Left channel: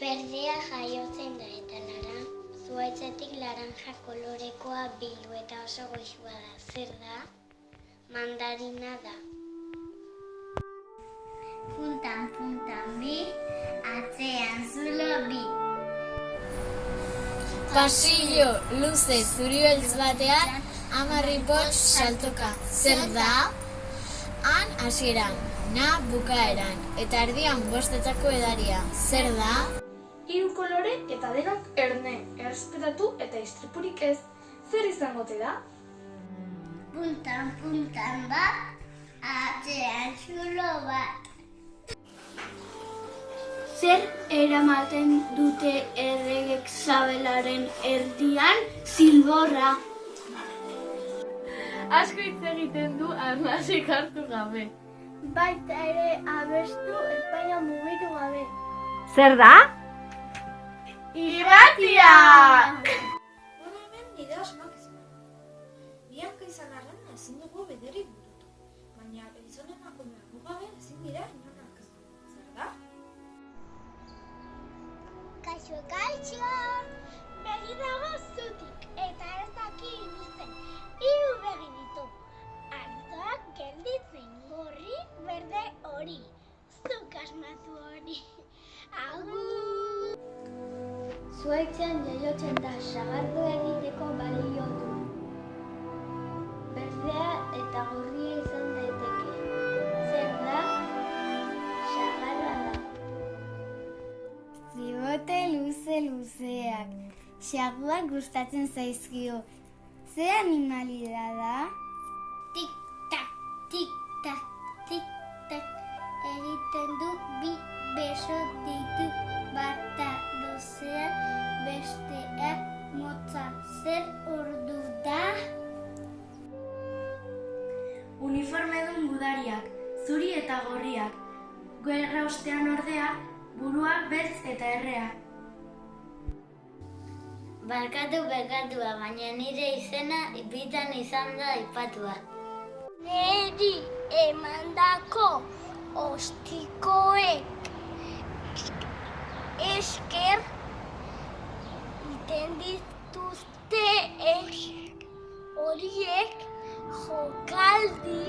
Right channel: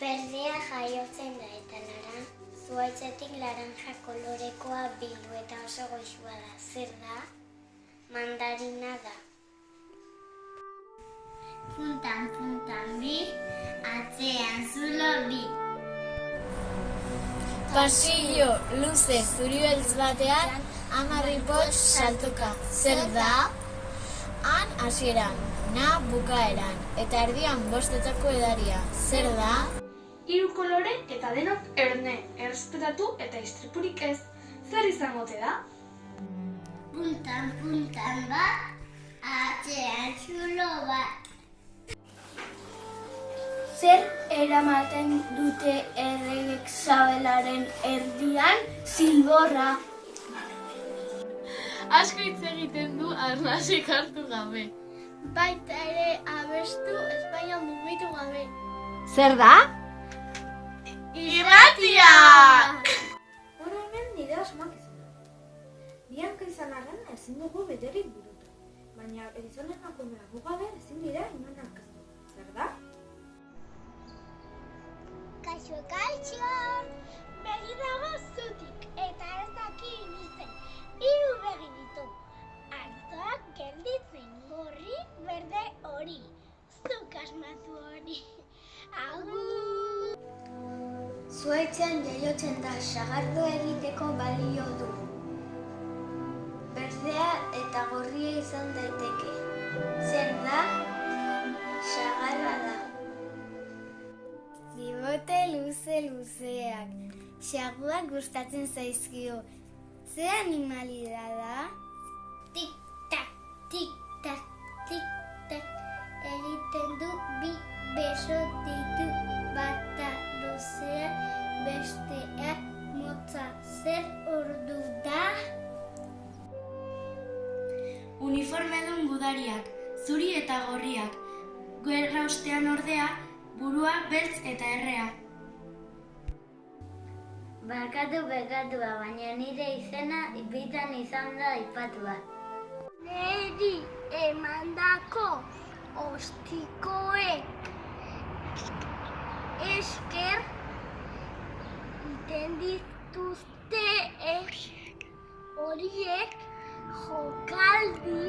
Berdea jaiotzen da eta zuhaitzetik laranja kolorekoa bildu eta oso goxua da. Zer da? Mandarina da. Puntan bi, atzean zulo bi. Pasillo luze zuri-beltz batean 10 ipotx saltoka. Zer da? Han hasieran, na bukaeran, eta erdian 5 edaria. Zer da? 3 kolore eta denok erne, errespetatu eta istripurik ez. Zer izango ote da? Puntan bat, atzean zulo bat. Zer eramaten dute erregek sabelaren erdian? Zilborra. Asko hitz egiten du arnasik hartu gabe. Baita ere abestu Espainia mugitu gabe. Zer da? Irratia! Hora hemen nire asmakizuna. Bianka izan arren ezin dugu beterik burutu. Baina pentsone emakumeak gabe ezin dira imanak. Zer da? Kaixo! Begi dago zutik eta ez daki inizen. 3 begi ditu. Arzoak gelditzen gorri, berde hori. Zuk asmatu hori. Agur! Zuhaitzean jaiotzen da, sagardo egiteko balio du. Berdea eta gorria izan daiteke. Zer da? Sagarra da. Zibote luzeak. Xaguak gustatzen zaizkio. Ze animalia da? Tik-tak, tik-tak, tik-tak. Egiten du 2 beso ditu. Bata luzea, bestea motza. Zer ordu da? Uniformedun gudariak, zuri eta gorriak. Gerra ostean ordea, burua beltz eta errea. Barkatu, baina nire izena bitan izan da aipatua. Neri emandako ostikoek esker iten dituzte horiek jokaldi